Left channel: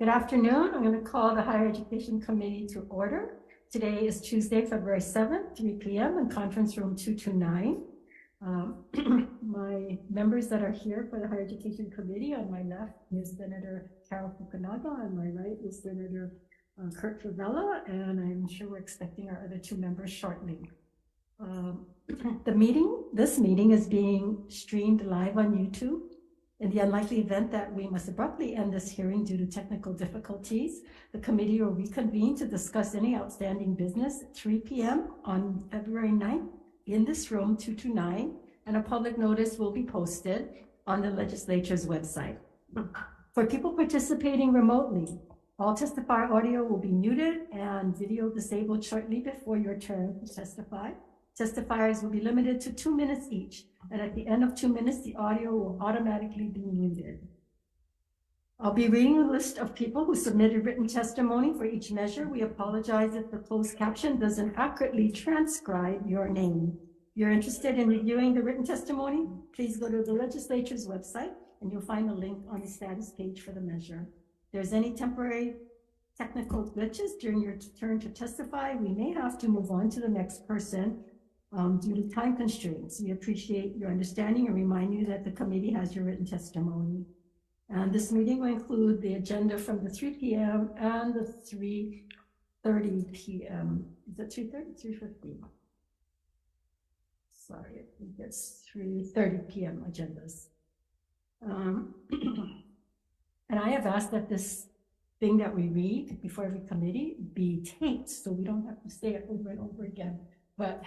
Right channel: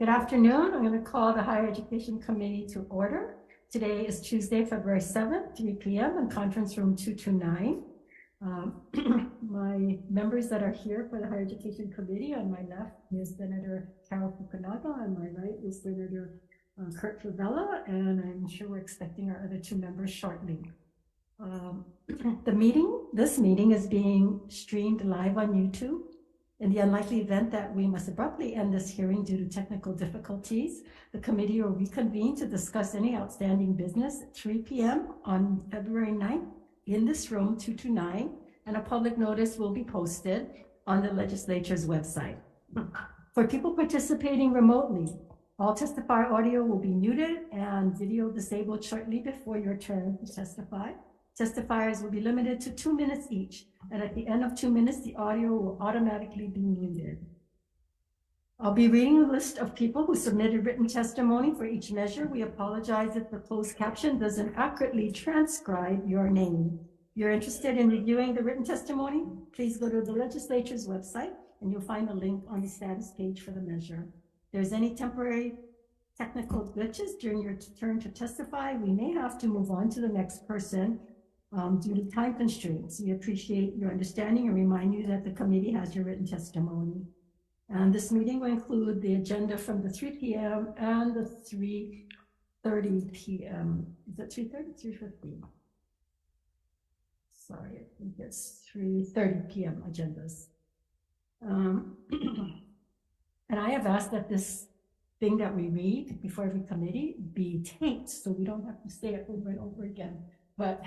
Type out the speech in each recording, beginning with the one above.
Good afternoon. I'm going to call the Higher Education Committee to order. Today is Tuesday, February 7th, 3 p.m. in conference room 229. My members that are here for the Higher Education Committee, on my left is Senator Carol Fukunaga, on my right is Senator Kurt Favela, and I'm sure we're expecting our other two members shortly. This meeting is being streamed live on YouTube. In the unlikely event that we must abruptly end this hearing due to technical difficulties, the committee will reconvene to discuss any outstanding business at 3 p.m. on February 9th in this room 229, and a public notice will be posted on the legislature's website. For people participating remotely, all testifier audio will be muted and video disabled shortly before your turn to testify. Testifiers will be limited to 2 minutes each, and at the end of 2 minutes, the audio will automatically be muted. I'll be reading a list of people who submitted written testimony for each measure. We apologize if the closed caption doesn't accurately transcribe your name. If you're interested in reviewing the written testimony, please go to the legislature's website, and you'll find a link on the status page for the measure. If there's any temporary technical glitches during your turn to testify, we may have to move on to the next person due to time constraints. We appreciate your understanding and remind you that the committee has your written testimony. And this meeting will include the agenda from the 3 p.m. and the 3:30 p.m. Is it 3:30? 3:15. Sorry, I think it's 3:30 p.m. agendas. And I have asked that this thing that we read before every committee be taped, so we don't have to say it over and over again. But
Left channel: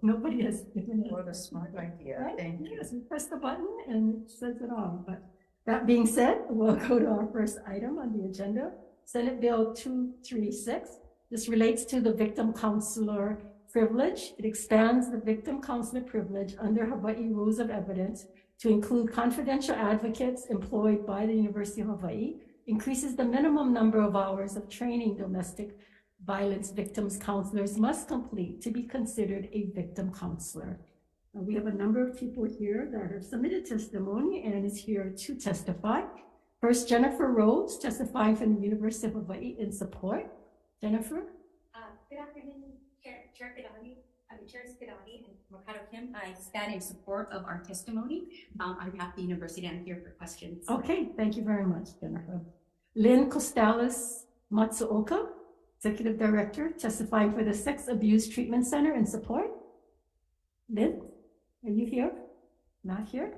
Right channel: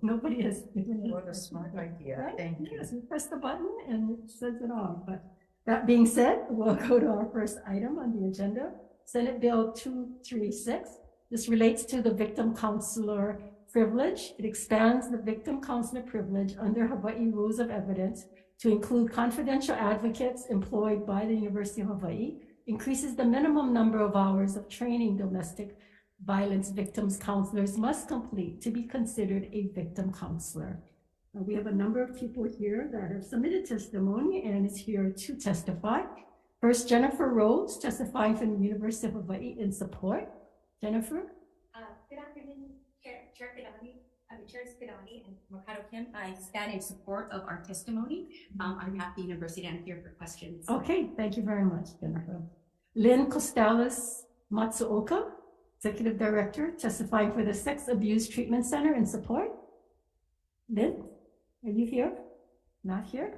nobody has given it. What a smart idea. Right? Thank you. Yes, we press the button and it says it all. But that being said, we'll go to our first item on the agenda, Senate Bill 236. This relates to the victim counselor privilege. It expands the victim counselor privilege under Hawai'i rules of evidence to include confidential advocates employed by the University of Hawaii, increases the minimum number of hours of training domestic violence victims counselors must complete to be considered a victim counselor. We have a number of people here that have submitted testimony and is here to testify. First, Jennifer Rhodes, testifying from the University of Hawaii in support. Jennifer? Good afternoon, Chair Kidani, Chair Kidani and Mercado Kim. I stand in support of our testimony. I'm at the university and I'm here for questions. Okay, thank you very much, Jennifer. Lynn Costales Matsuoka, Executive Director, testifying for the Sex Abuse Treatment Center in support. Lynn, are you here? Not here?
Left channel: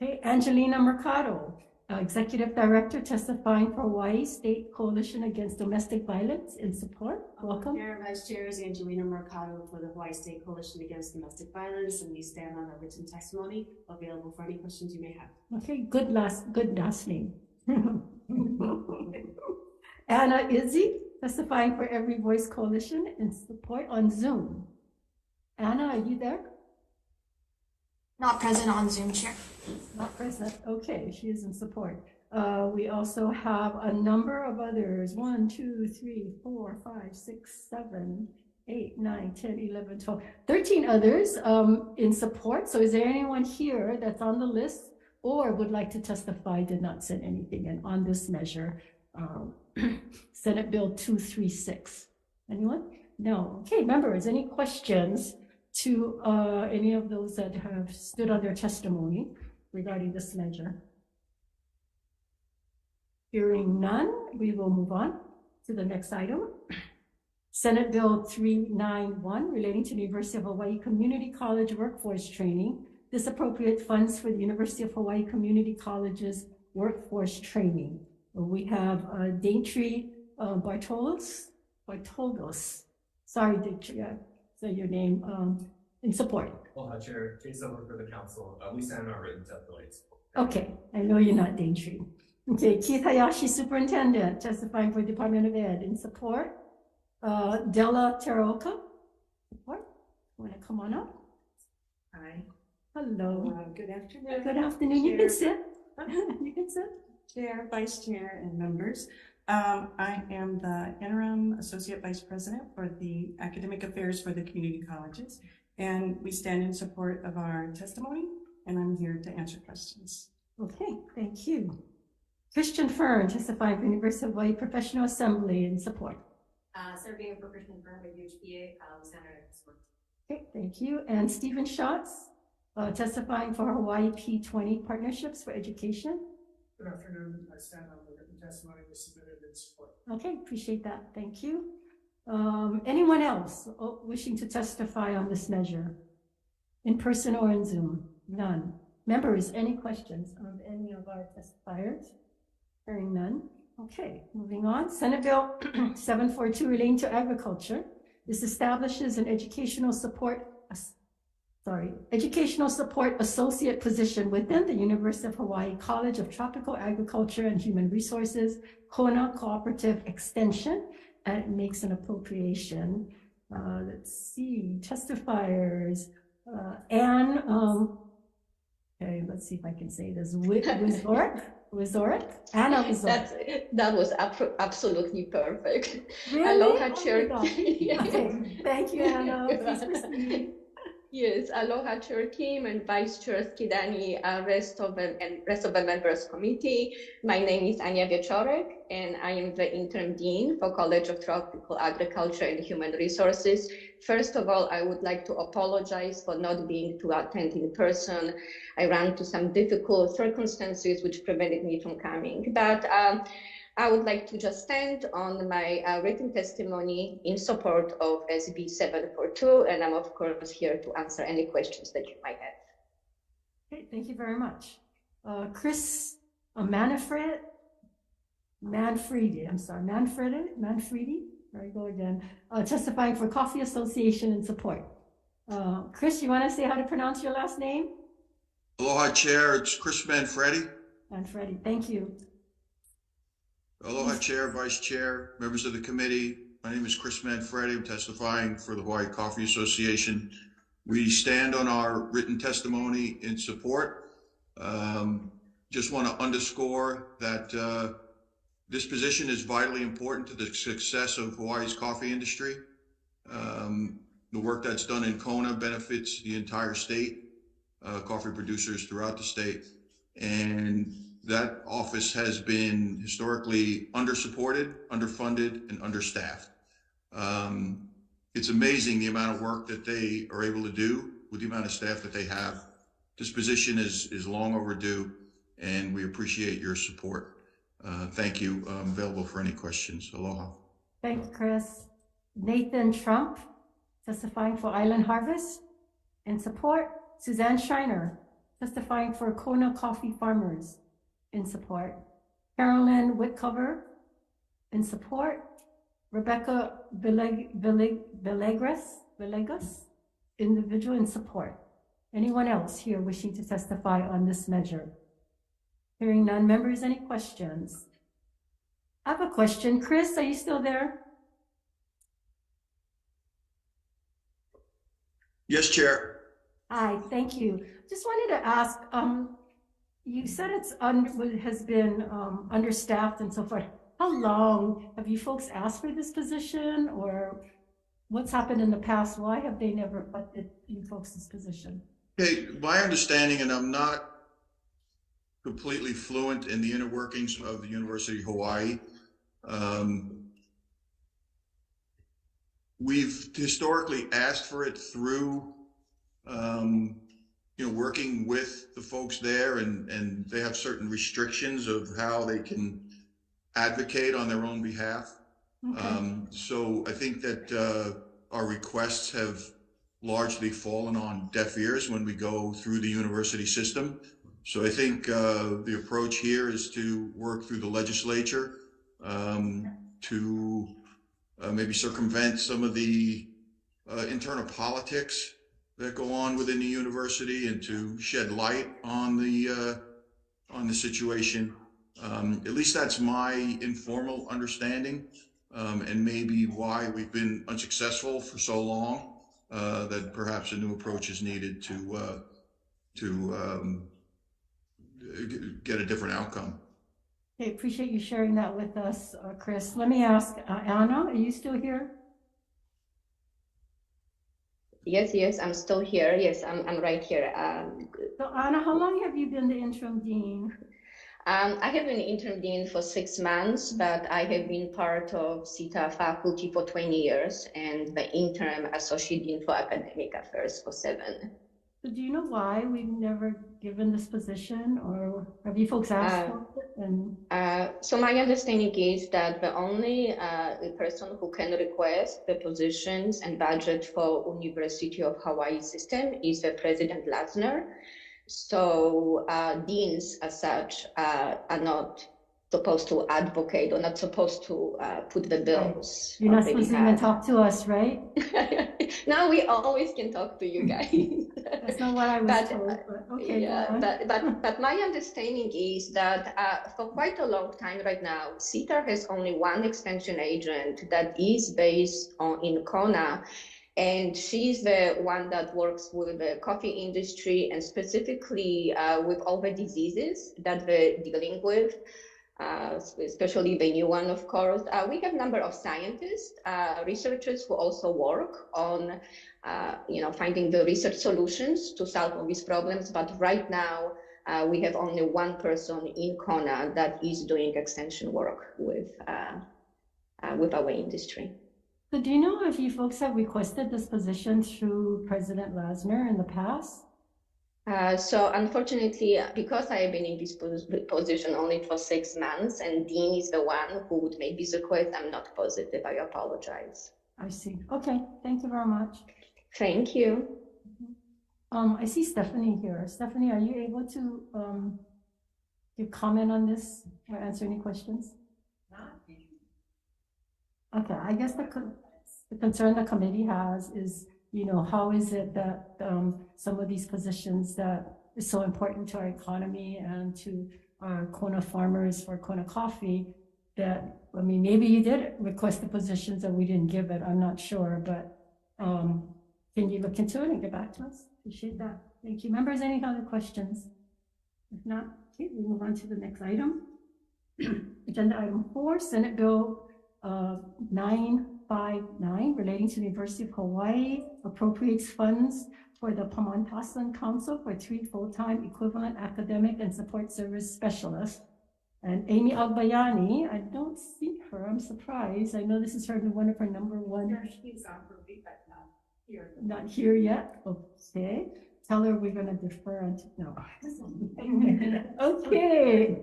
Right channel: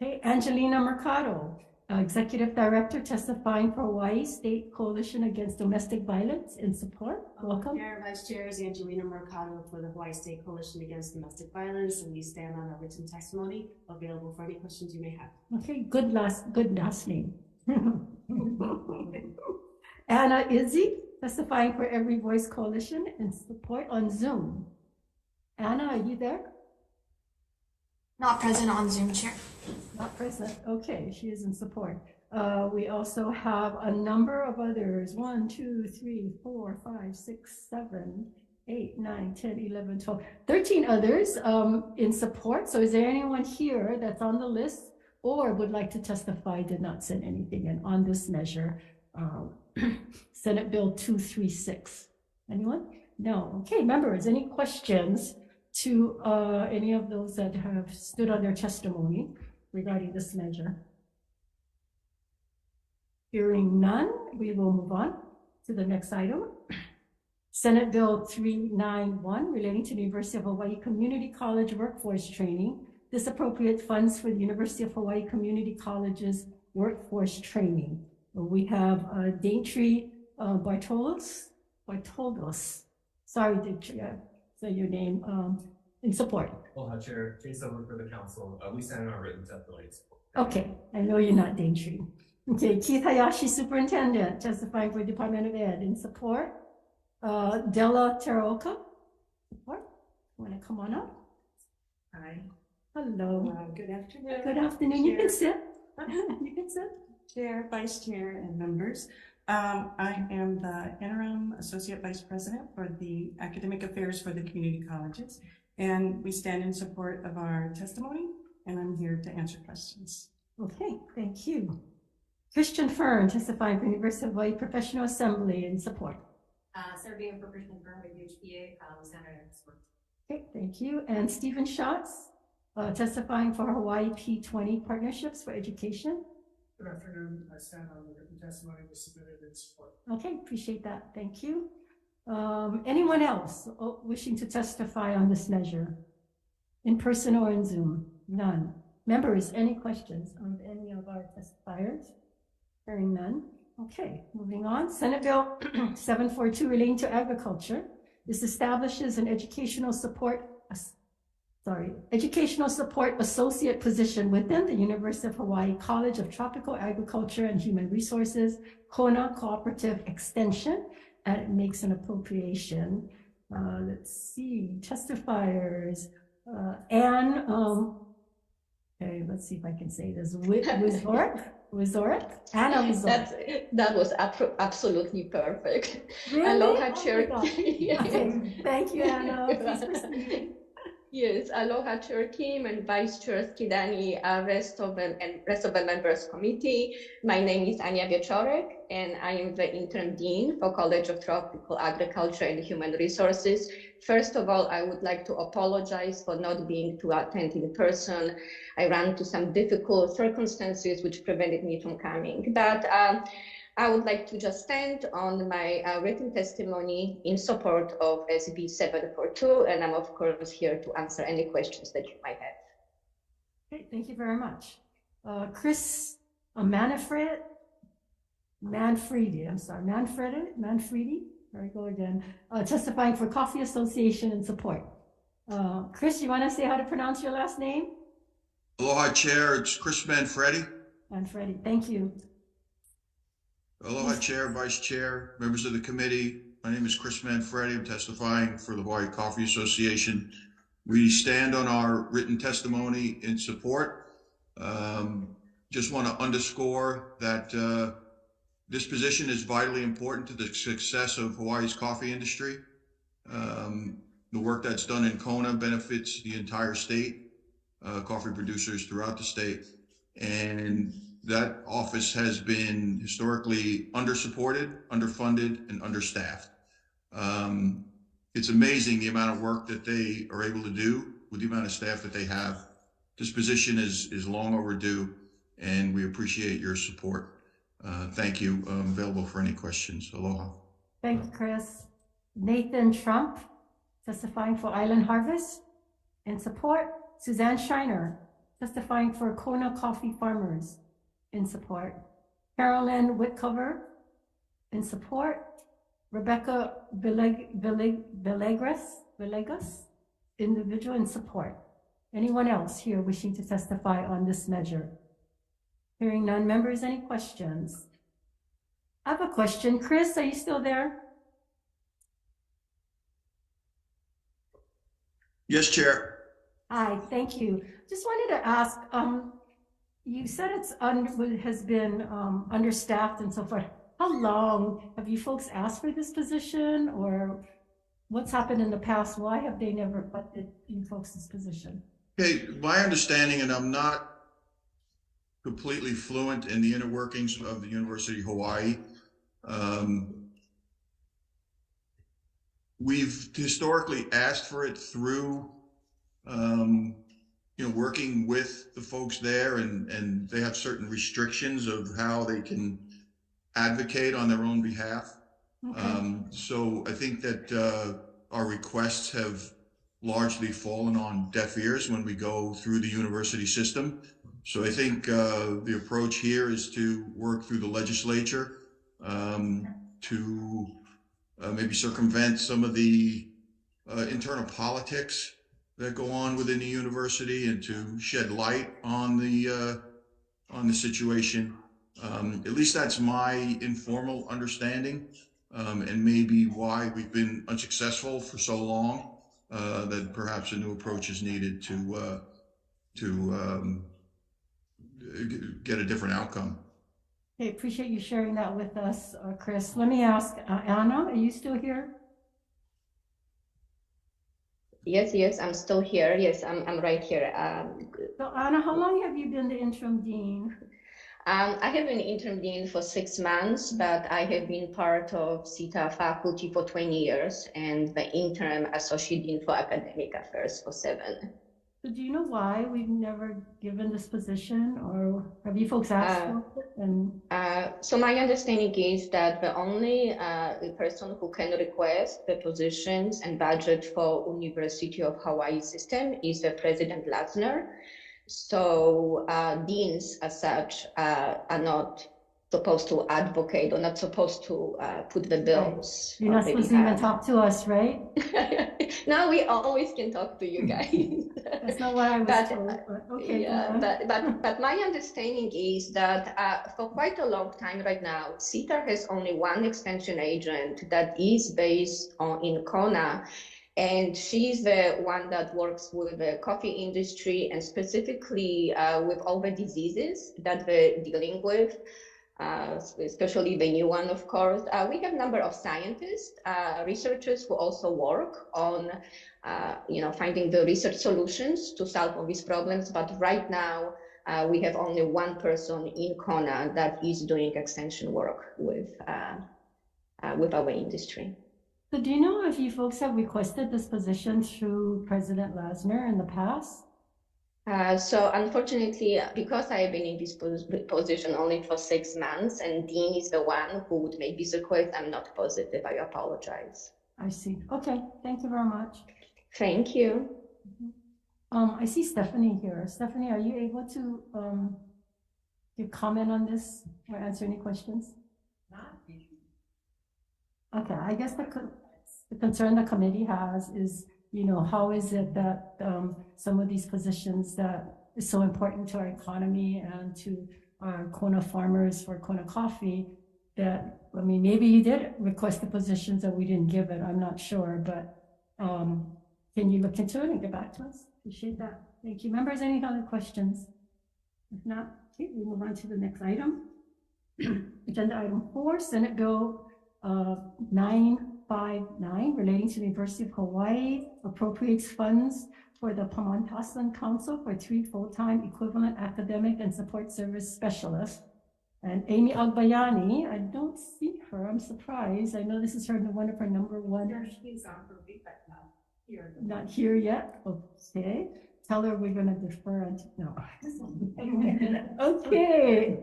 Okay, Angelina Mercado, Executive Director, testifying for Hawaii State Coalition Against Domestic Violence in support. Welcome. Chair, Vice Chair is Angelina Mercado for the Hawaii State Coalition Against Domestic Violence, and we stand on our written testimony available for any questions you may have. Okay, good last name. Anna Izzy, testifying for Every Voice Coalition in support on Zoom. Anna, are you there? Not present on Zoom, Chair. Not present. Okay, she is in support. We also have a number of others. 1, 2, 3, 4, 5, 6, 7, 8, 9, 10, 11, 12, 13 others in support. So is there anyone here that's on the list or would like to testify, did not send anything in on this measure? Senate Bill 236. Anyone? No. Okay, members, any questions to any of those that have stood on their testimony regarding this measure? Hearing none, we will move on to the next item. Senate Bill 391 relating to the University of Hawaii Community College workforce training. This appropriates funds for the University of Hawaii Community College's workforce training. We have Daintree Bartoldos. Sorry, Daintree, say your name in support. Aloha, Chair. Case over for the council. We stand on our written testimony. Okay, I know you're not Daintree. Okay, Keith Hayashi, Superintendent, testifying for Department of Ed in support. Della Teraoka, support. Want to come on up? Hi. Hello. Good afternoon. Good afternoon. You can sit. You can sit. Chair, Vice Chair, and members. I am the Interim Associate Vice President for the Academic Affairs for the Community Colleges, and we stand in support of our testimony, and I'm here to answer questions. Okay, thank you. Christian Fern, testifying for University of Hawaii Professional Assembly in support. Serving for Christian Firm with UHPA, Senator and support. Okay, thank you. And Stephen Schatz, testifying for Hawaii P20 Partnerships for Education. Good afternoon. I stand on the written testimony we submitted in support. Okay, appreciate that. Thank you. Anyone else wishing to testify on this measure? In person or in Zoom? None. Members, any questions on any of our testifiers? Hearing none. Okay, moving on. Senate Bill 742 relating to agriculture. This establishes an educational support associate position within the University of Hawaii College of Tropical Agriculture and Human Resources, Kona Cooperative Extension, and it makes an appropriation. Let's see, testifiers. Anne, okay, let's see if I can say this. Wizorek? Anna Wizorek. That was absolutely perfect. Really? Aloha, Oh Chair. Okay, thank you, Anna. Please proceed. Yes, aloha, Chair Kim and Vice Chair Skidani, rest of the members committee. My name is Anya Wieczorek, and I am the interim dean for College of Tropical Agriculture and Human Resources. First of all, I would like to apologize for not being able to attend in person. I ran into some difficult circumstances which prevented me from coming, but I would like to just stand on my written testimony in support of SB 742, and I'm of course here to answer any questions that you might have. Okay, thank you very much. Chris Manfredi, there I go again, testifying for Coffee Association in support. Chris, you want to say how to pronounce your last name? Aloha, Chair. It's Chris Manfredi. Manfredi, thank you. Aloha, Chair, Vice Chair, members of the committee. My name is Chris Manfredi. I'm testifying for the Hawaii Coffee Association. We stand on our written testimony in support. Just want to underscore that this position is vitally important to the success of Hawaii's coffee industry. The work that's done in Kona benefits the entire state, coffee producers throughout the state. And that office has been historically undersupported, underfunded, and understaffed. It's amazing the amount of work that they are able to do with the amount of staff that they have. This position is long overdue, and we appreciate your support. Thank you. I'm available for any questions. Aloha. Thank you, Chris. Nathan Trump, testifying for Island Harvest. In support, Suzanne Schreiner, testifying for Kona Coffee Farmers. In support, Carolyn Whitcover. In support, Rebecca Villegas, individual. In support. Anyone else here wishing to testify on this measure? Hearing none. Members, any questions? I have a question. Chris, are you still there? Yes, Chair. Hi, thank you. Just wanted to ask, you said has been understaffed and so forth. How long have you folks asked for this position, or what's happened in the past? Why have they never funded you folks this position? Okay, my understanding, and I'm not completely fluent in the inner workings of the University of Hawaii. We've historically asked for it through working with the folks there, and they have certain restrictions of how they can advocate on their own behalf. Okay. So I think that our requests have largely fallen on deaf ears when we go through the university system. So I think the approach here is to work through the legislature to maybe circumvent some of the internal politics that go on within the university, and to shed light on the situation. At least that's my informal understanding, and maybe why we've been unsuccessful for so long. That perhaps a new approach is needed to get a different outcome. Okay, appreciate you sharing that with us, Chris. Let me ask Anna, are you still here? Yes, I'm still here. Yes, I'm right here. So Anna, how long have you been the interim dean? I have been interim dean for 6 months, but I have been part of CETA faculty for 20 years and the interim associate dean for academic affairs for 7. So do you know why we've never given this position, or have you folks asked for it? And So my understanding is that the only person who can request the positions and budget for University of Hawaii system is the President Lasner. So deans as such are not supposed to advocate or not supposed to put the bills. You're not supposed to even talk to us, right? No, we always can talk to you guys. That's not what I was told, but okay. Yeah, but my understanding is that for quite a long time right now, CETA has only one extension agent that is based in Kona, and she's the one that works with the coffee industry and specifically with all the diseases that they're dealing with. Especially the new one, of course. We have a number of scientists, researchers who also work on, finding the research solutions to solve all these problems. But right now, we have only one person in Kona that is doing extension work with our industry. So do you know if you folks have requested this position through President Lasner in the past? So unfortunately, because I have been in this position only for 6 months and Dean is the one who would make this request, I'm not positive. I apologize. I see. Okay, thank you very much. Thank you. I see Stephanie here. Stephanie, are you able to give comment on this or answer any questions? Okay, I guess the concern the committee has is, how is it that some of these positions that is so important to our economy and to our Kona farmers for Kona coffee, that, maybe you did request the positions and we didn't give it, I'm not sure, but can you look into it and get back to us? Appreciate that. Thank you. Members, any other questions? If not, okay, we move on to the next item. Agenda item 4, Senate Bill 959 relating to the University of Hawaii appropriates funds for the Pamantasan Council for 3 full-time equivalent academic and support service specialists. And Amy Agbayani, I don't see her, I'm surprised. I know this is one of her number one. She's on her leave, but not here. Not here yet, okay. Tell her we're gonna defer until, no. Okay.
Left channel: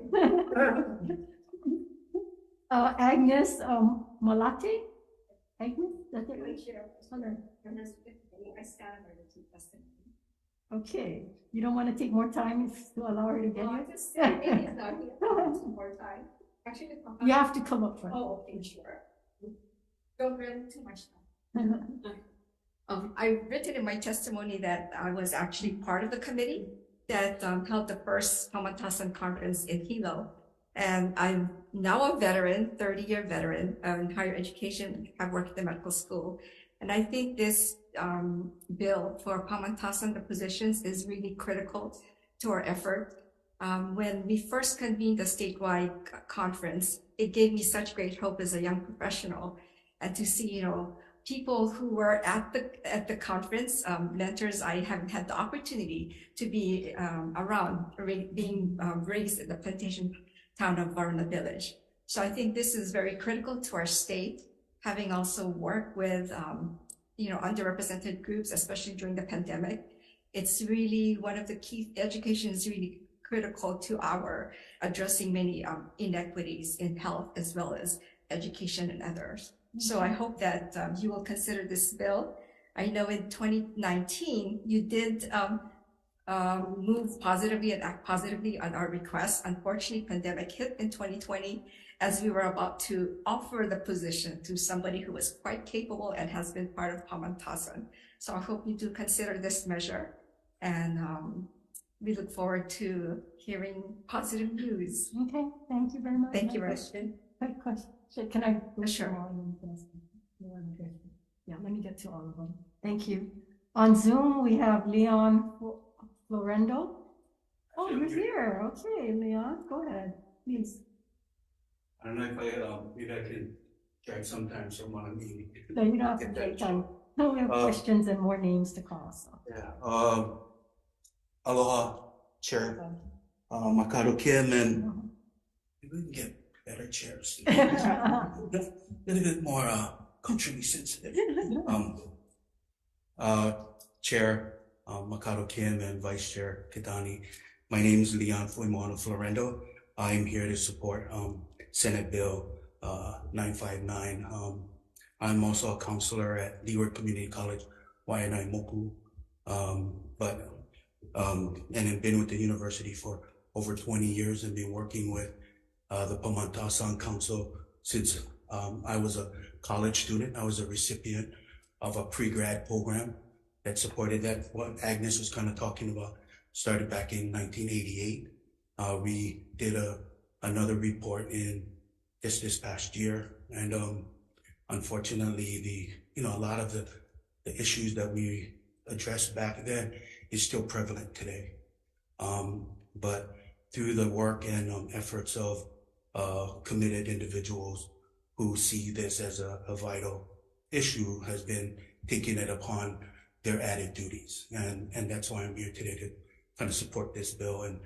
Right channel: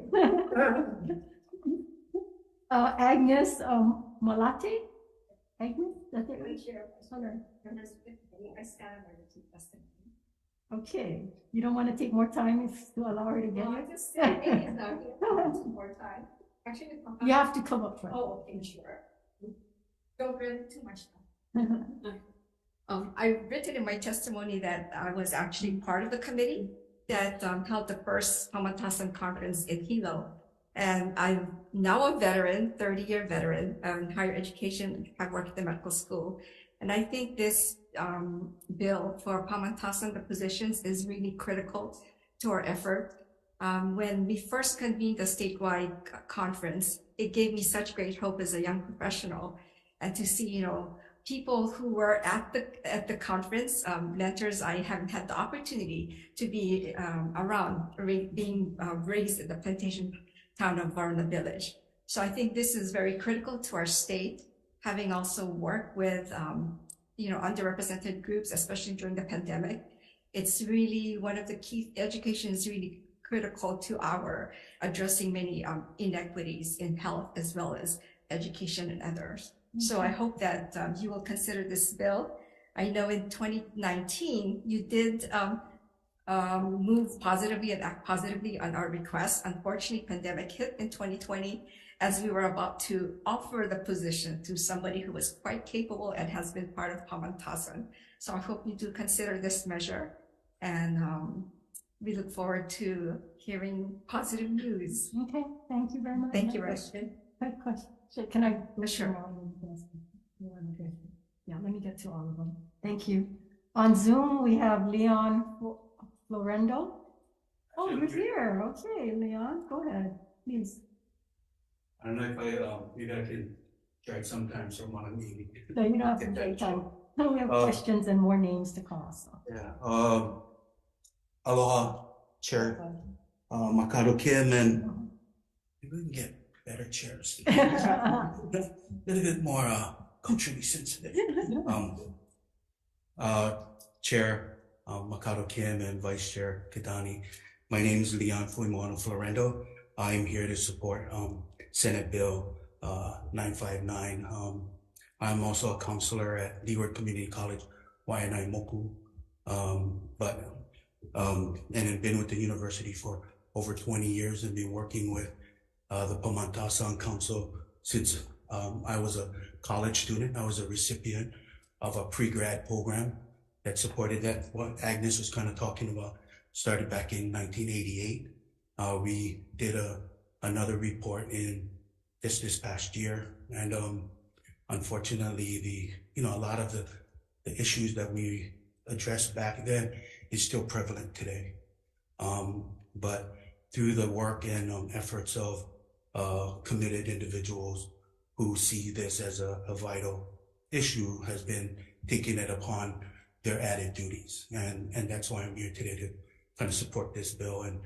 Agnes Malate? Agnes? That's it, right? Okay, you don't want to take more time to allow her to get here? More time. Actually, You have to come up front. Oh, okay, sure. Don't really too much time. I've written in my testimony that I was actually part of the committee that held the first Pamantasan conference in Hilo. And I'm now a veteran, 30-year veteran in higher education. I've worked at the medical school. And I think this bill for Pamantasan, the positions, is really critical to our effort. When we first convened the statewide conference, it gave me such great hope as a young professional, and to see, people who were at the conference, mentors I haven't had the opportunity to be around, being raised in the plantation town of Varna Village. So I think this is very critical to our state, having also worked with, underrepresented groups, especially during the pandemic. It's really one of the key, education is really critical to our addressing many inequities in health as well as education and others. So I hope that you will consider this bill. I know in 2019, you did move positively and act positively on our request. Unfortunately, pandemic hit in 2020 as we were about to offer the position to somebody who was quite capable and has been part of Pamantasan. So I hope you do consider this measure, and we look forward to hearing positive news. Okay, thank you very much. Thank you, Rashid. Quick question. Can I go Sure. through all of them? Yeah, let me get to all of them. Thank you. On Zoom, we have Leon Florendo. Oh, you're here. Okay, Leon, go ahead, please. I don't know if maybe I can drag sometimes from one of the. No, you don't have to take time. No, we have questions and more names to call, so. Yeah. Aloha, Chair. Makado Kim and we can get better chairs. A little bit more culturally sensitive. Chair Makoto Kim and Vice Chair Kidani. My name is Leon Fuimono Florendo. I am here to support Senate Bill 959. I'm also a counselor at Leeward Community College, Waianae Moku, and have been with the university for over 20 years and been working with the Pamatasan Council since I was a college student. I was a recipient of a pre-grad program that supported that. What Agnes was kind of talking about started back in 1988. We did another report in this past year, and unfortunately, a lot of the issues that we addressed back then is still prevalent today. But through the work and efforts of committed individuals who see this as a vital issue, has been taking it upon their added duties. And that's why I'm here today to kind of support this bill and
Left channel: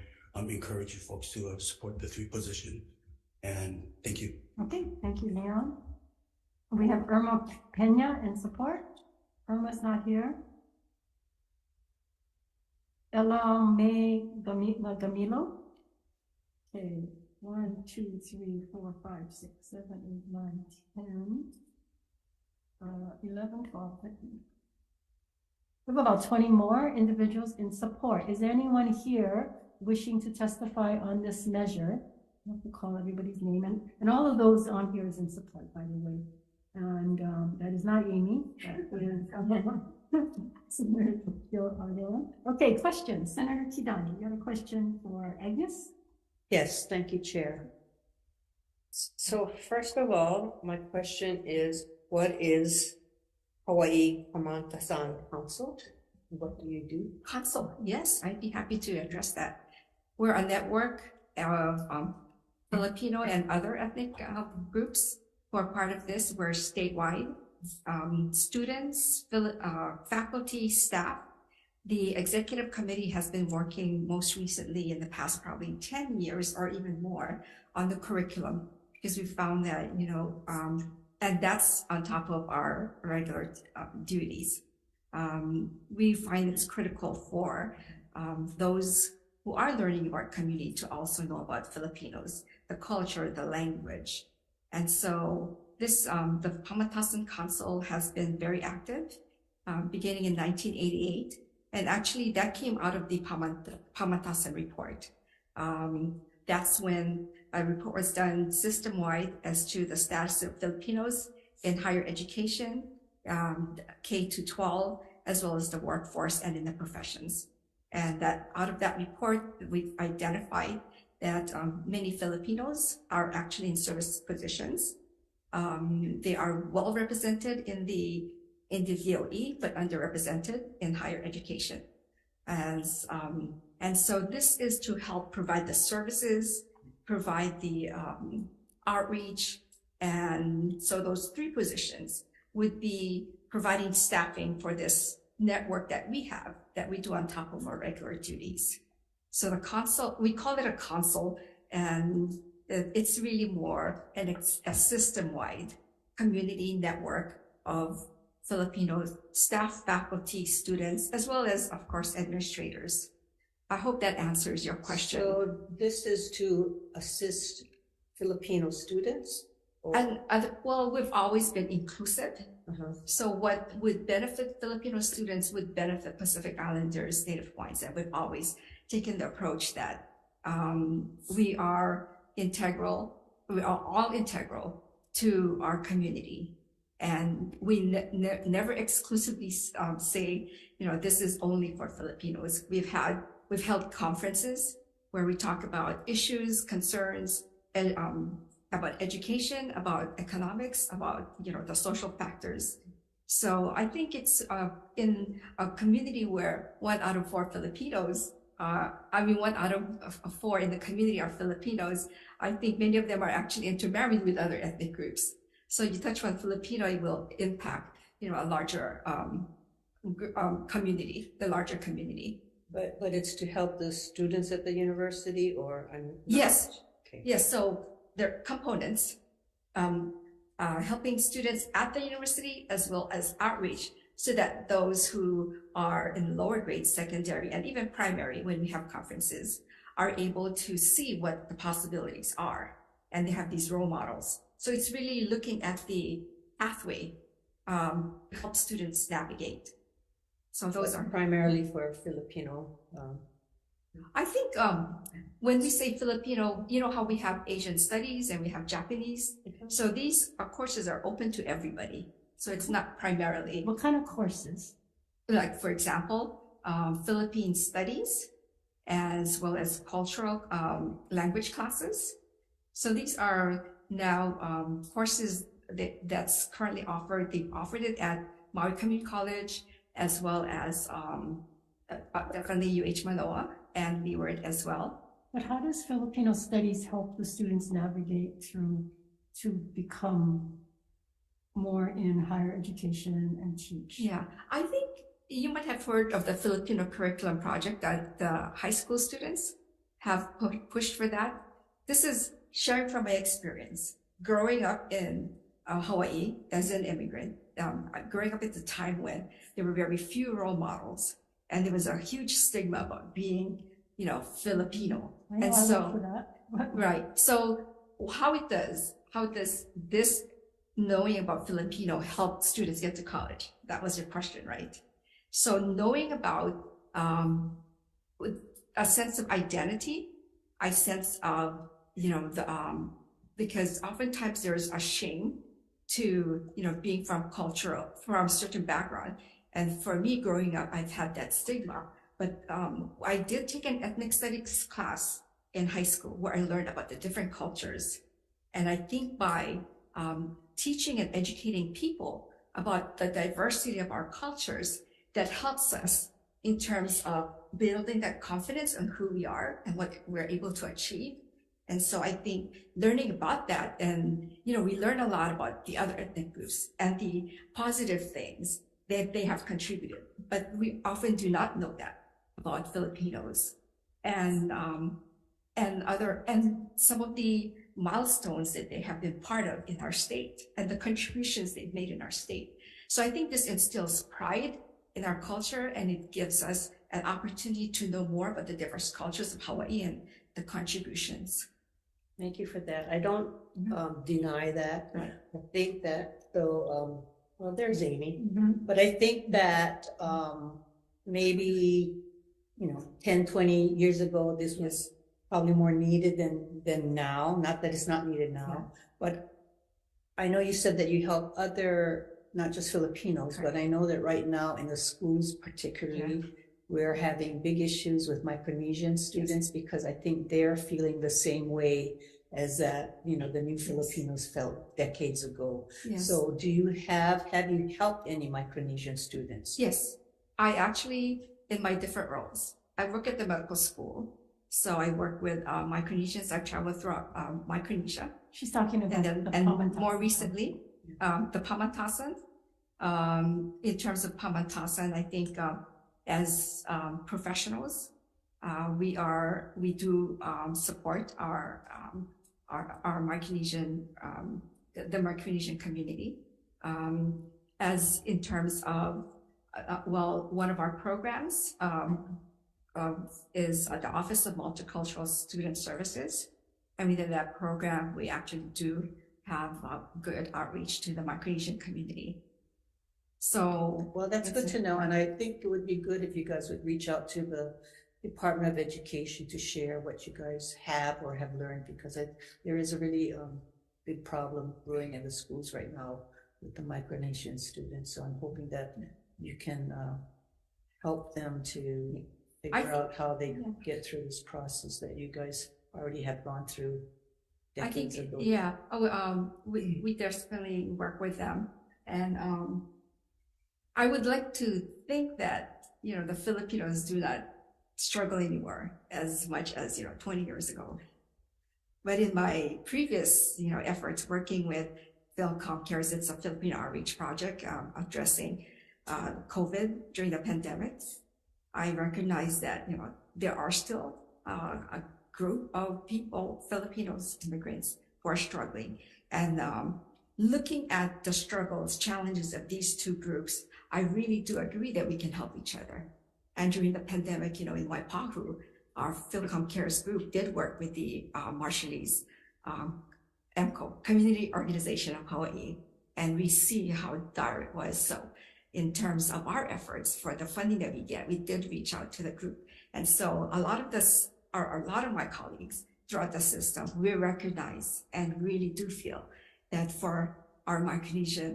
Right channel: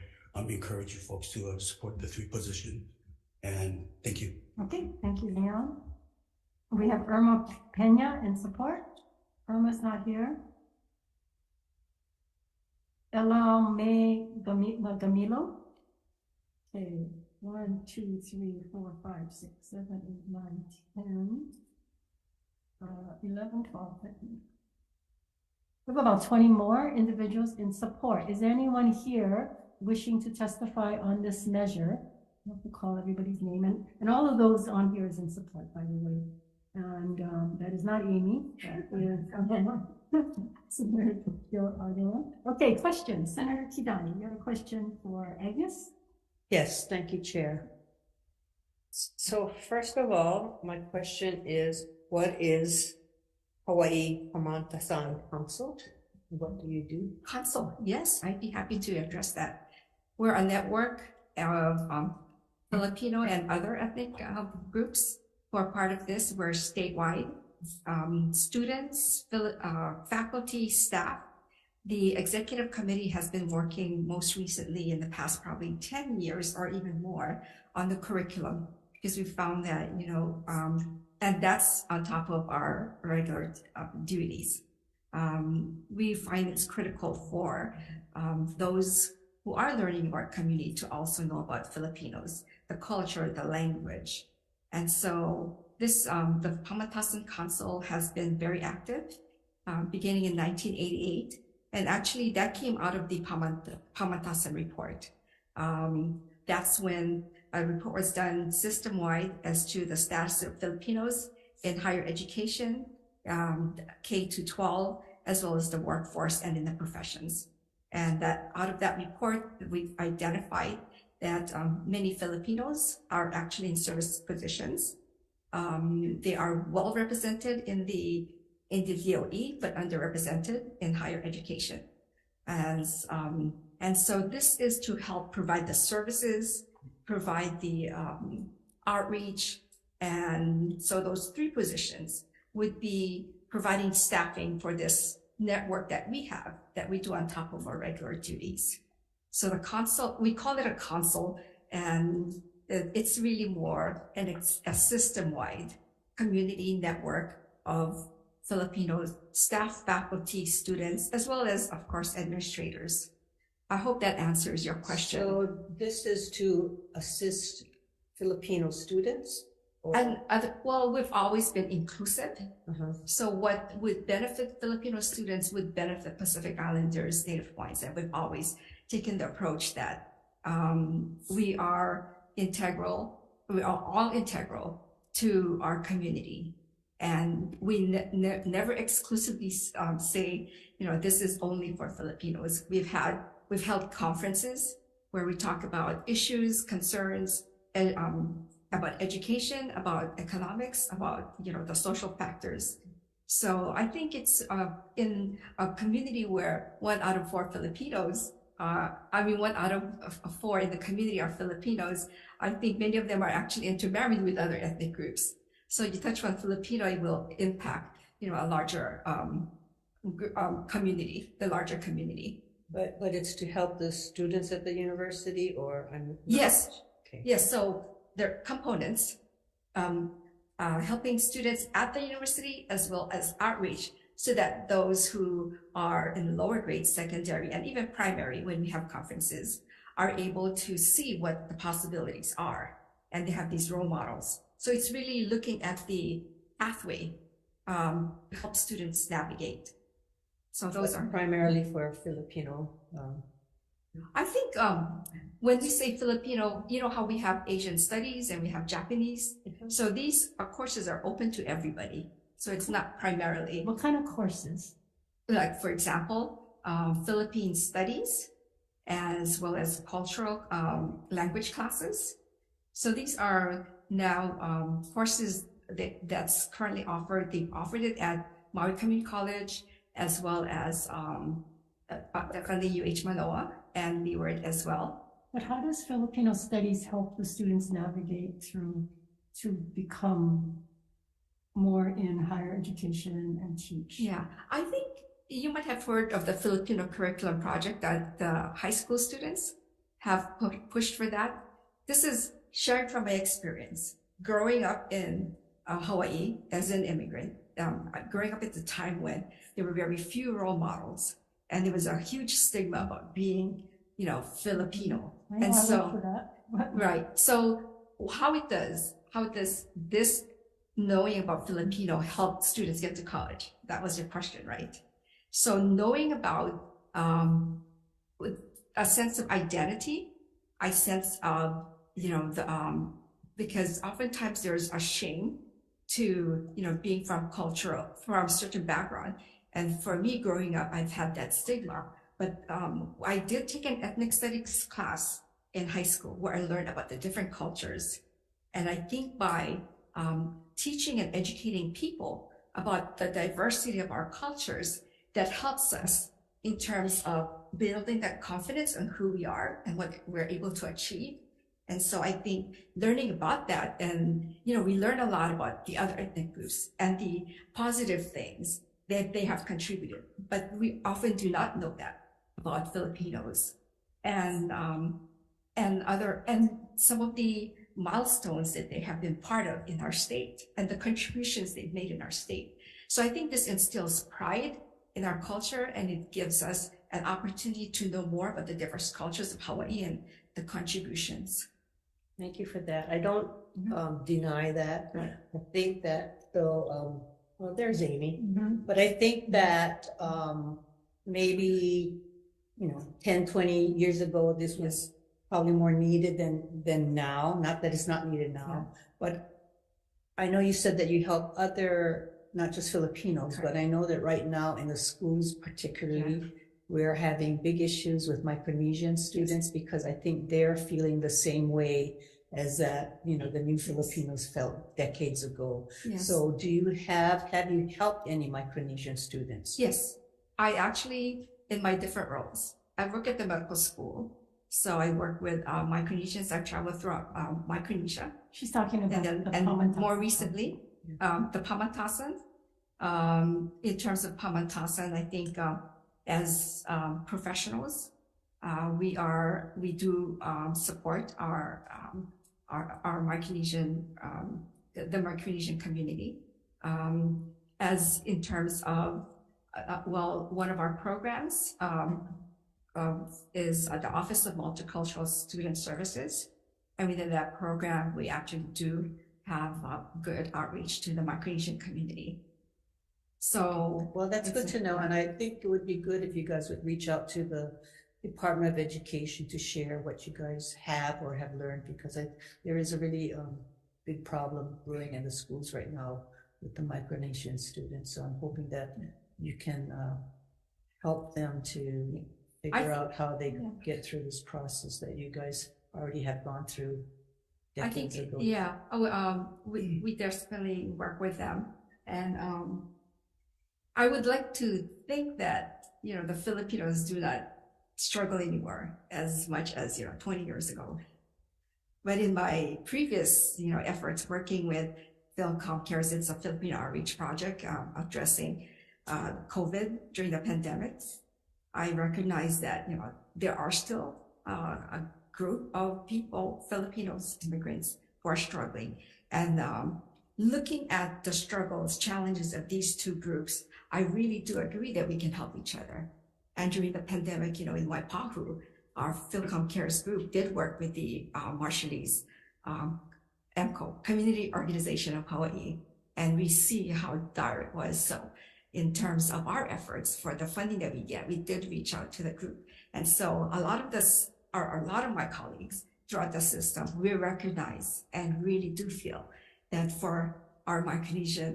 encourage you folks to support the 3 positions. And thank you. Okay, thank you, Leon. We have Irma Pena in support. Irma's not here. Ella May Gamilo. Okay, 1, 2, 3, 4, 5, 6, 7, 8, 9, 10, 11, 12, 13. We have about 20 more individuals in support. Is there anyone here wishing to testify on this measure? I have to call everybody's name, and all of those on here is in support, by the way. And that is not Amy. That is Senator Ardella. Okay, questions. Senator Kidani, you have a question for Agnes? Yes, thank you, Chair. So first of all, my question is, what is Hawai'i Pamatasan Council? What do you do? Council, yes, I'd be happy to address that. We're a network of Filipino and other ethnic groups who are part of this. We're statewide. Students, faculty, staff. The executive committee has been working most recently in the past probably 10 years or even more on the curriculum, because we found that, and that's on top of our regular duties. We find it's critical for those who are learning about community to also know about Filipinos, the culture, the language. And so this, the Pamatasan Council has been very active, beginning in 1988. And actually that came out of the Pamatasan report. That's when a report was done system-wide as to the status of Filipinos in higher education, K-12, as well as the workforce and in the professions. And that out of that report, we identified that many Filipinos are actually in service positions. They are well represented in the DOE, but underrepresented in higher education. And so this is to help provide the services, provide the outreach. And so those 3 positions would be providing staffing for this network that we have, that we do on top of our regular duties. So the council, we call it a council, and it's really more a system-wide community network of Filipino staff, faculty, students, as well as, of course, administrators. I hope that answers your question. So this is to assist Filipino students? And well, we've always been inclusive. So what would benefit Filipino students would benefit Pacific Islanders, Native Hawaiians, and we've always taken the approach that we are integral, we are all integral to our community. And we never exclusively say, this is only for Filipinos. We've held conferences where we talk about issues, concerns, and about education, about economics, about, the social factors. So I think it's in a community where 1 out of 4 Filipinos, 1 out of 4 in the community are Filipinos. I think many of them are actually intermarried with other ethnic groups. So you touch on Filipino, it will impact, a larger community, the larger community. But it's to help the students at the university, or Yes. Okay. Yes. So their components, helping students at the university as well as outreach, so that those who are in lower grades, secondary, and even primary, when we have conferences, are able to see what the possibilities are. And they have these role models. So it's really looking at the pathway to help students navigate. So those are primarily for Filipino. I think when we say Filipino, you know how we have Asian studies and we have Japanese. So these courses are open to everybody. So it's not primarily. What kind of courses? Like, for example, Philippine studies, as well as cultural language classes. So these are now courses that's currently offered. They've offered it at Maui Community College, as well as definitely UH Manoa and Leeward as well. But how does Filipino studies help the students navigate through to become more in higher education and teach? Yeah, I think you might have heard of the Filipino Curriculum Project that the high school students have pushed for that. This is sharing from my experience. Growing up in Hawaii as an immigrant, growing up at the time when there were very few role models, and there was a huge stigma about being, Filipino. And so, right. So how does this knowing about Filipino help students get to college? That was your question, right? So knowing about with a sense of identity, a sense of, because oftentimes there's a shame to, being from a certain background. And for me growing up, I've had that stigma. But I did take an ethnic studies class in high school where I learned about the different cultures. And I think by teaching and educating people about the diversity of our cultures, that helps us in terms of building that confidence on who we are and what we're able to achieve. And so I think learning about that, and, we learn a lot about the other ethnic groups and the positive things that they have contributed, but we often do not know that about Filipinos and some of the milestones that they have been part of in our state and the contributions they've made in our state. So I think this instills pride in our culture, and it gives us an opportunity to know more about the diverse cultures of Hawaii and the contributions. Thank you for that. I don't deny that. Right. I think that though, well, there's Amy, but I think that maybe, 10, 20 years ago, this was probably more needed than now. Not that it's not needed now, but I know you said that you help other, not just Filipinos, but I know that right now in the schools particularly, we're having big issues with Micronesian students because I think they're feeling the same way as that, the new Filipinos felt decades ago. Yes. So do you have you helped any Micronesian students? Yes, I actually, in my different roles, I work at the medical school. So I work with Micronesians. I travel throughout Micronesia. She's talking about and more recently, the Pamantasan. In terms of Pamantasan, I think as professionals, we do support our Micronesian, the Micronesian community, as in terms of one of our programs is the Office of Multicultural Student Services, and within that program, we actually do have good outreach to the Micronesian community. So, well, that's good to know, and I think it would be good if you guys would reach out to the Department of Education to share what you guys have or have learned, because there is a really big problem brewing in the schools right now with the Micronesian students. So I'm hoping that you can help them to figure out how they get through this process that you guys already have gone through decades ago. Yeah. We definitely work with them, and I would like to think that the Filipinos do not struggle anymore as much as 20 years ago. But in my previous efforts working with Philcom Cares, it's a Filipino outreach project addressing COVID during the pandemic. I recognize that there are still a group of people, Filipinos, immigrants, who are struggling. And looking at the struggles, challenges of these two groups, I really do agree that we can help each other. And during the pandemic, in Waipahu, our Philcom Cares group did work with the Marshallese EMCO, Community Organization of Hawaii, and we see how dire it was. So in terms of our efforts for the funding that we get, we did reach out to the group. And so a lot of my colleagues throughout the system, we recognize and really do feel that for our Micronesian,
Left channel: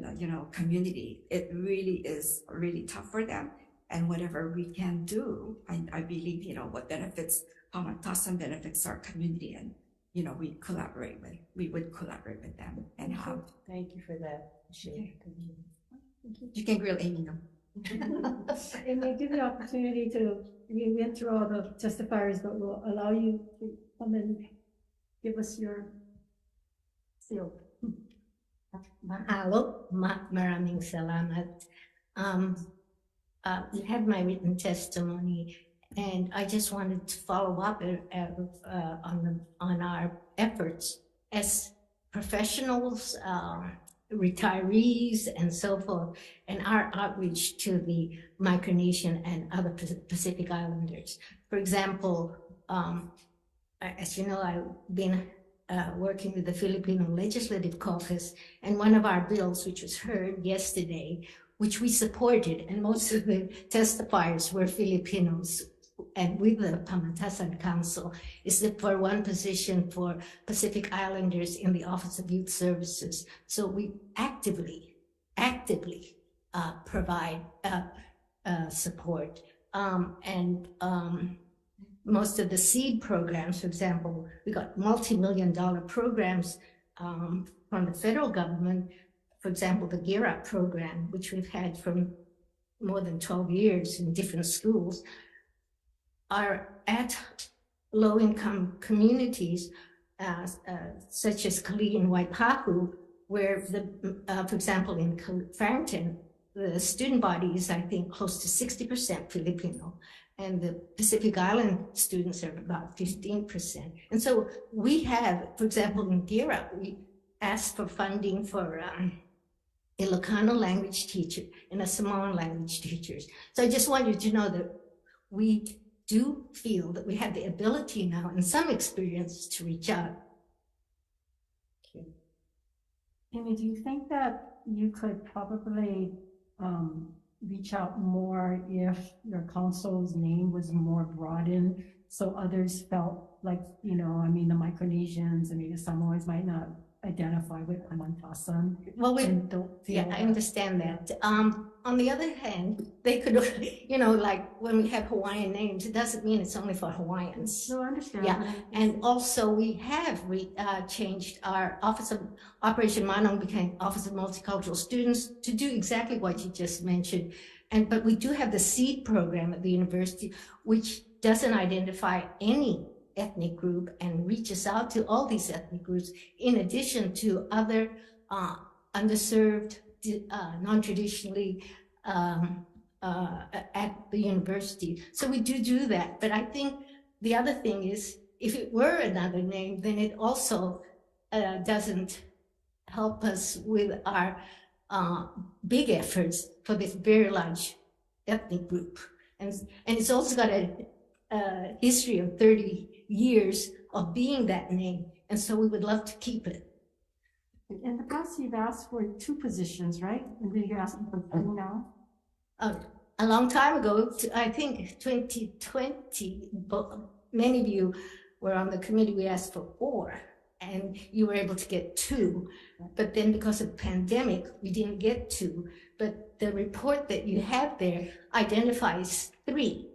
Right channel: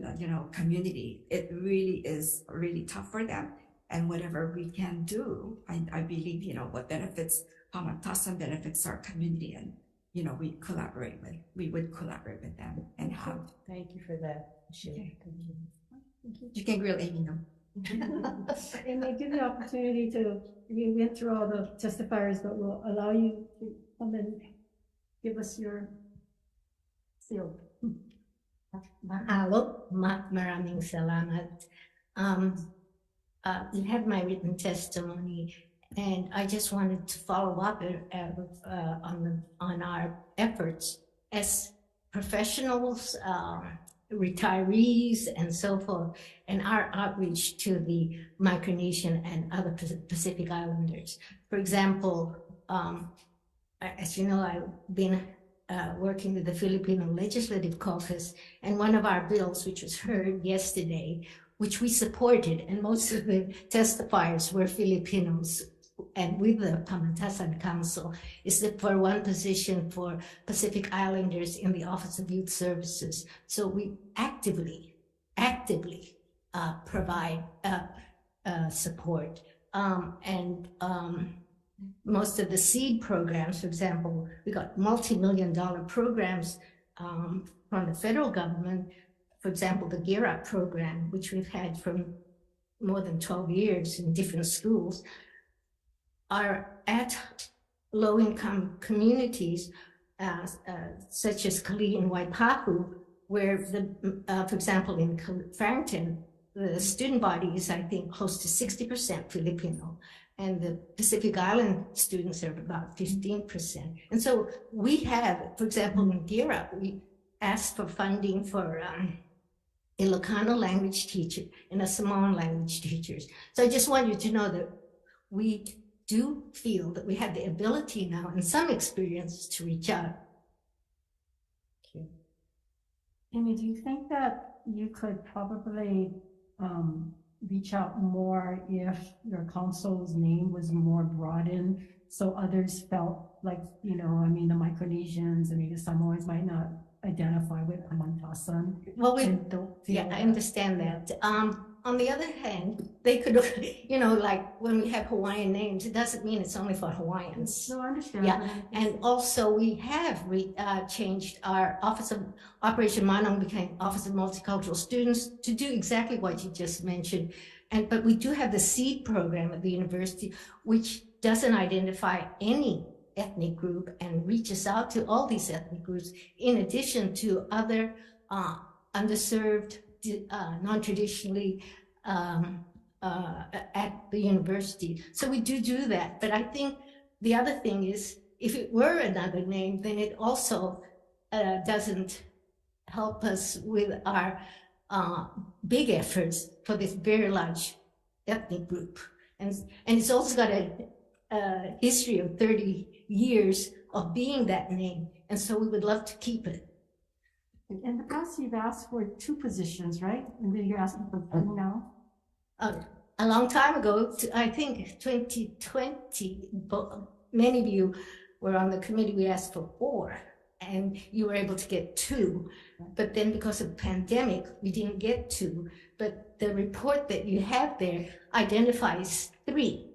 community, it really is really tough for them. And whatever we can do, I believe, what benefits Pamatasan benefits our community, and we would collaborate with them and have. Thank you for that. Okay. You can grill Amy now. And they give the opportunity we went through all the testifiers, but we'll allow you to come and give us your seal. Mahalo, maraming salamat. You have my written testimony, and I just wanted to follow up on our efforts as professionals, retirees, and so forth, and our outreach to the Micronesian and other Pacific Islanders. For example, as you know, I've been working with the Filipino Legislative Caucus, and one of our bills, which was heard yesterday, which we supported, and most of the testifiers were Filipinos, and with the Pamatasan Council, is that for one position for Pacific Islanders in the Office of Youth Services. So we actively provide support. Most of the seed programs, for example, we got multi-million-dollar programs from the federal government. For example, the Gear Up program, which we've had for more than 12 years in different schools, are at low-income communities, such as Kali and Waipahu, where for example, in Farrington, the student body is, I think, close to 60% Filipino, and the Pacific Island students are about 15%. And so we have, for example, in Gear Up, we asked for funding for Ilocano language teacher and a Samoan language teachers. So I just want you to know that we do feel that we have the ability now and some experience to reach out. Amy, do you think that you could probably reach out more if your council's name was more broadened, so others felt like, the Micronesians and maybe Samoans might not identify with Pamatasan? Well, I understand that. On the other hand, they could, like when we have Hawaiian names, it doesn't mean it's only for Hawaiians. No, I understand. Yeah, and also we have changed our Office of Operation Manong became Office of Multicultural Students to do exactly what you just mentioned. But we do have the SEED program at the university, which doesn't identify any ethnic group and reaches out to all these ethnic groups, in addition to other underserved, non-traditionally at the university. So we do that. But I think the other thing is, if it were another name, then it also doesn't help us with our big efforts for this very large ethnic group. And it's also got a history of 30 years of being that name. And so we would love to keep it. In the past, you've asked for 2 positions, right? And then you're asking for 3 now? A long time ago, I think 2020, many of you were on the committee, we asked for 4, and you were able to get 2. But then because of the pandemic, we didn't get 2. But the report that you have there identifies 3.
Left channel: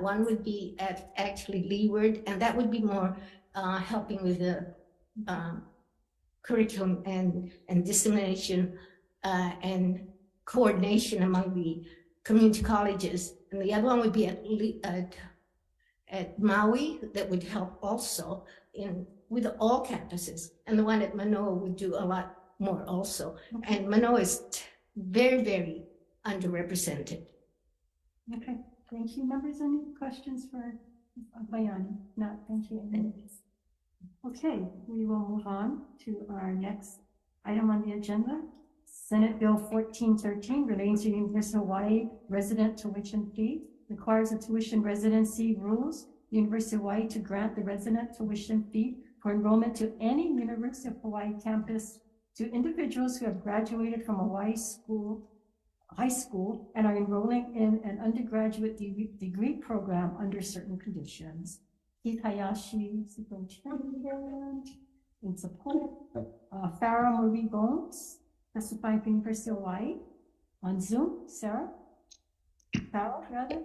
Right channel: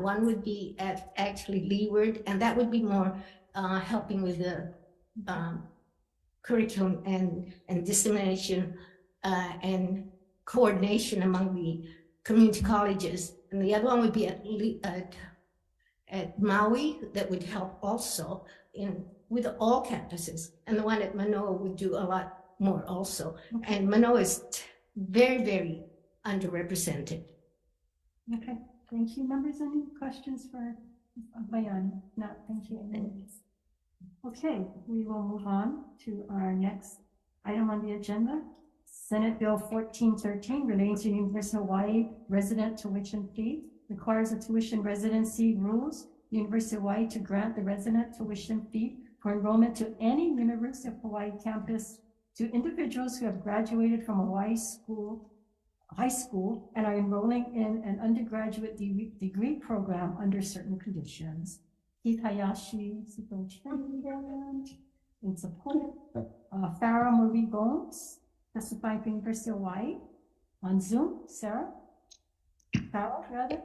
One would be actually Leeward, and that would be more helping with the curriculum and dissemination and coordination among the community colleges. And the other one would be at Maui, that would help also with all campuses. And the one at Manoa would do a lot more also. Okay. And Manoa is very, very underrepresented. Okay, thank you. Members, any questions for Bayani? No, thank you. Okay, we will move on to our next item on the agenda. Senate Bill 1413 relating to University of Hawaii resident tuition fee requires a tuition residency rules University of Hawaii to grant the resident tuition fee for enrollment to any University of Hawaii campus to individuals who have graduated from Hawaii high school and are enrolling in an undergraduate degree program under certain conditions. Keith Hayashi, Superintendent, in support. Farah Marie Bones, testifying for University of Hawaii. On Zoom, Sarah? Farah, rather?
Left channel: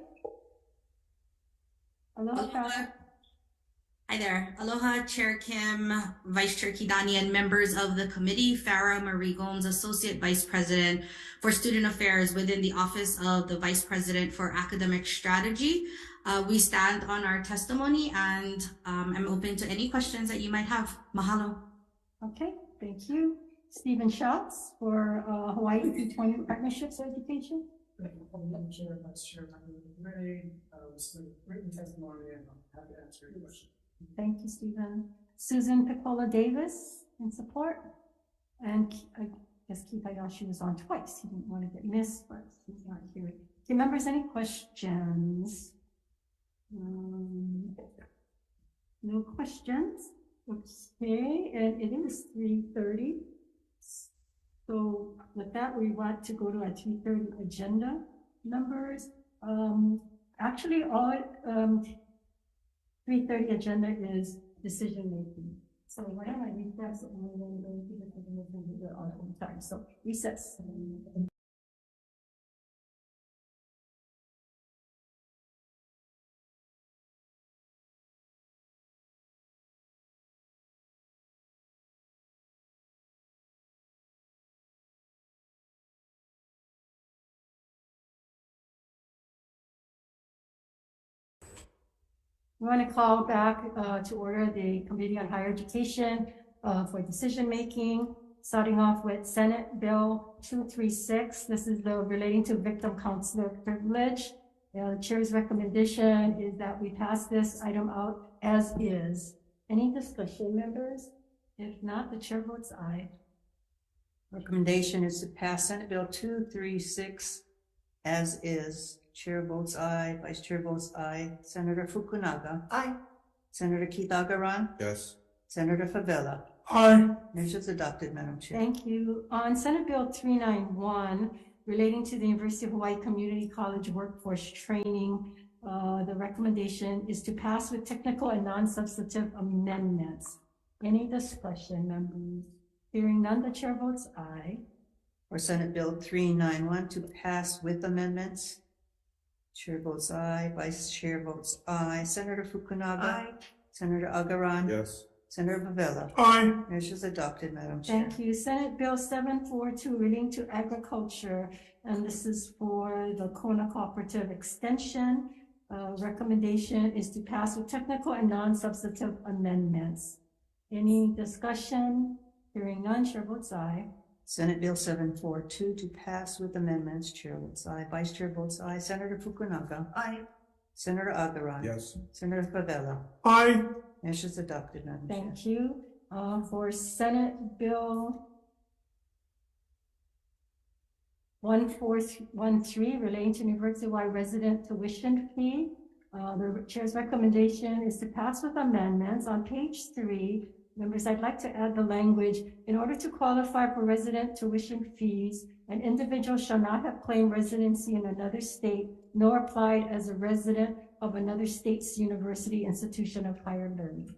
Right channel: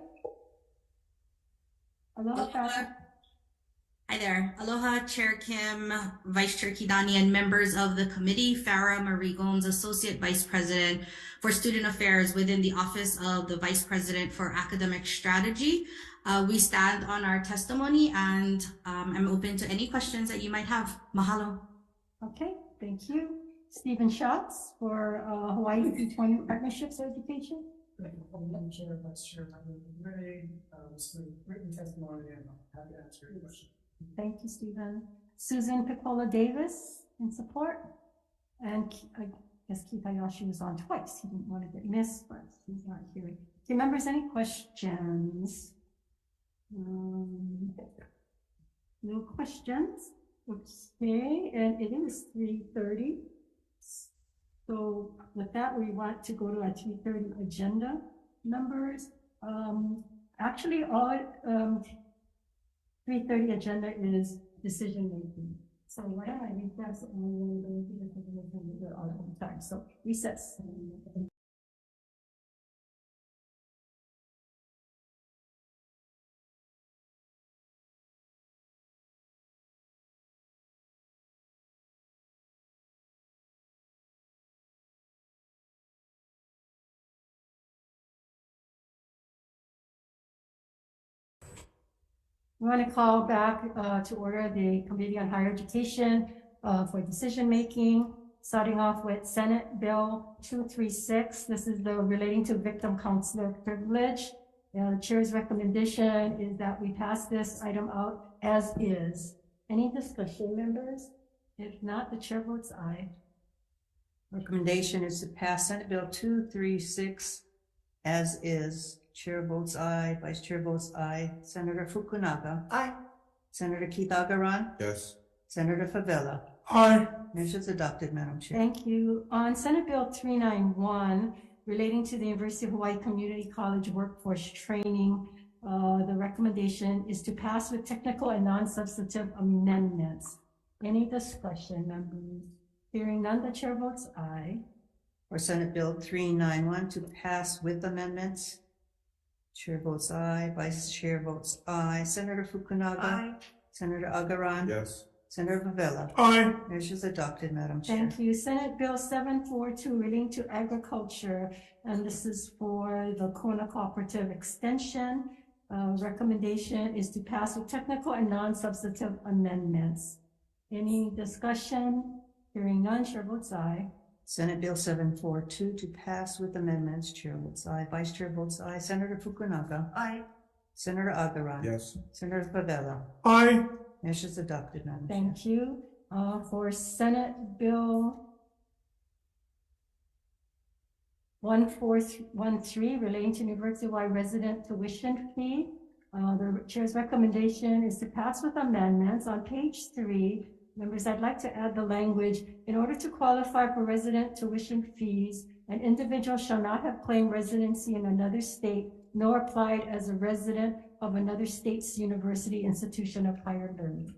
Aloha, Farah. Hi there. Aloha, Chair Kim, Vice Chair Kidani, and members of the committee. Farah Marie Gomes, Associate Vice President for Student Affairs within the Office of the Vice President for Academic Strategy. We stand on our testimony, and I'm open to any questions that you might have. Mahalo. Okay, thank you. Stephen Schatz for Hawaii Employment Partnerships Education. I'm Chair, Vice Chair, this is written testimony, and I'm happy to answer your question. Thank you, Stephen. Susan Piccola Davis in support. And I guess Keith Hayashi was on twice. He didn't want to get missed, but he's not here. Okay, members, any questions? No questions. Okay, and it is 3:30. So with that, we want to go to our 3:30 agenda numbers. Actually, all 3:30 agenda is decision making. So why don't I recess and then we're going to do this all the time. So recess. We want to call back to order the Committee on Higher Education for decision making, starting off with Senate Bill 236. This is the relating to victim counselor privilege. The chair's recommendation is that we pass this item out as is. Any discussion, members? If not, the chair votes aye. Recommendation is to pass Senate Bill 236 as is. Chair votes aye, Vice Chair votes aye. Senator Fukunaga. Aye. Senator Keith Agaran. Yes. Senator Favela. Aye. Measure is adopted, Madam Chair. Thank you. On Senate Bill 391, relating to the University of Hawaii Community College workforce training, the recommendation is to pass with technical and non-substantive amendments. Any discussion, members? Hearing none, the chair votes aye. For Senate Bill 391 to pass with amendments. Chair votes aye, Vice Chair votes aye. Senator Fukunaga. Aye. Senator Agaran. Yes. Senator Favela. Aye. Measure is adopted, Madam Chair. Thank you. Senate Bill 742 relating to agriculture, and this is for the Kona Cooperative Extension. Recommendation is to pass with technical and non-substantive amendments. Any discussion? Hearing none, chair votes aye. Senate Bill 742 to pass with amendments. Chair votes aye. Vice Chair votes aye. Senator Fukunaga. Aye. Senator Agaran. Yes. Senator Favela. Aye. Measure is adopted, Madam Chair. Thank you. For Senate Bill 1413 relating to University of Hawaii resident tuition fee, the chair's recommendation is to pass with amendments. On page 3, members, I'd like to add the language, in order to qualify for resident tuition fees, an individual shall not have claimed residency in another state, nor applied as a resident of another state's university institution of higher learning.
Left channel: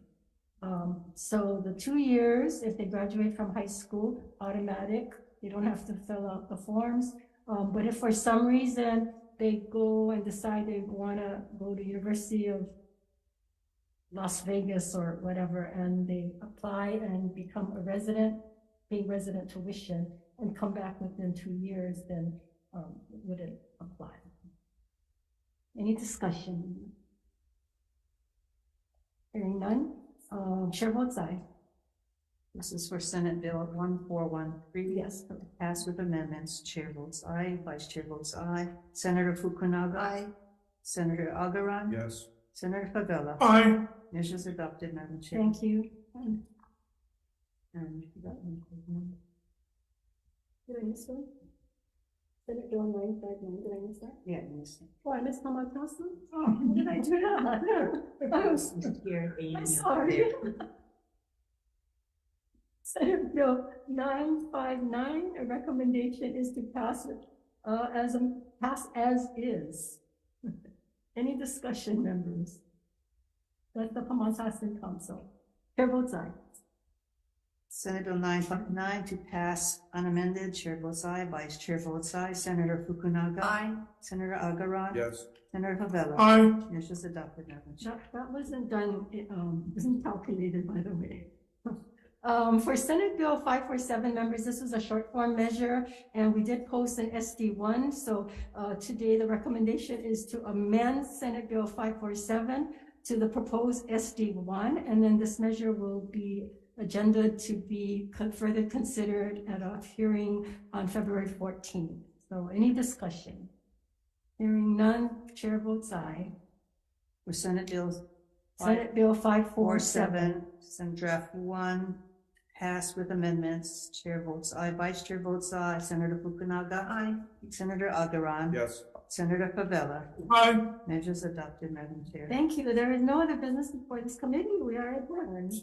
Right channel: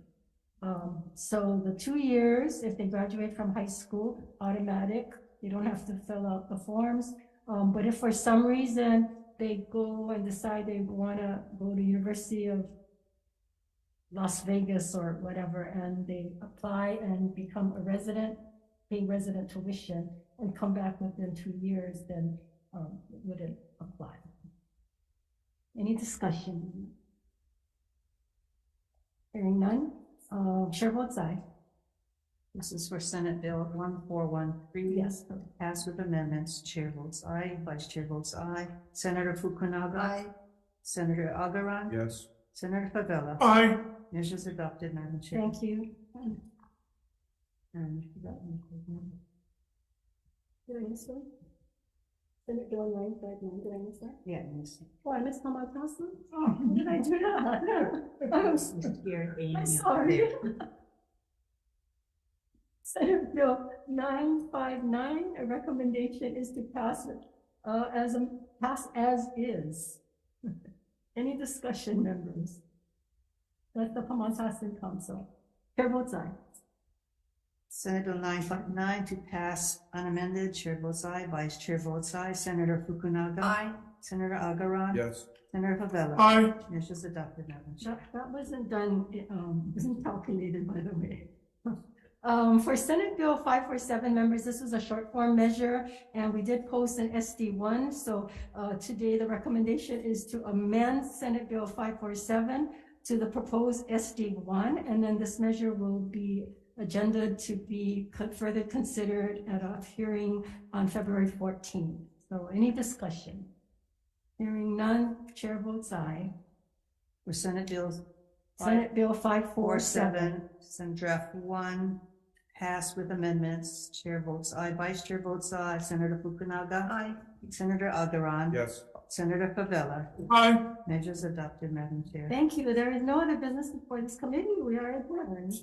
So the 2 years, if they graduate from high school, automatic, they don't have to fill out the forms. But if for some reason they go and decide they want to go to University of Las Vegas or whatever, and they apply and become a resident, pay resident tuition, and come back within 2 years, then it wouldn't apply. Any discussion? Hearing none, chair votes aye. This is for Senate Bill 1413. Yes. Pass with amendments. Chair votes aye. Vice Chair votes aye. Senator Fukunaga. Aye. Senator Agaran. Yes. Senator Favela. Aye. Measures adopted, Madam Chair. Thank you. And you got one. Did I miss one? Senate Bill 959, did I miss that? Yeah, Ms. Oh, I missed Hamatasa? Oh, how did I do that? I'm sorry. Senate Bill 959, a recommendation is to pass it pass as is. Any discussion, members? That's the Pamatasan Council. Chair votes aye. Senate Bill 959 to pass unamended. Chair votes aye. Vice Chair votes aye. Senator Fukunaga. Aye. Senator Agaran. Yes. Senator Favela. Aye. Measures adopted, Madam Chair. That wasn't done, wasn't calculated, by the way. For Senate Bill 547, members, this was a short form measure, and we did post an SD1. So today the recommendation is to amend Senate Bill 547 to the proposed SD1, and then this measure will be agenda to be further considered at a hearing on February 14th. So any discussion? Hearing none, chair votes aye. For Senate Bill Senate Bill 547. Senate Draft 1, passed with amendments. Chair votes aye. Vice Chair votes aye. Senator Fukunaga. Aye. Senator Agaran. Yes. Senator Favela. Aye. Measures adopted, Madam Chair. Thank you. There is no other business before this committee. We are adjourned.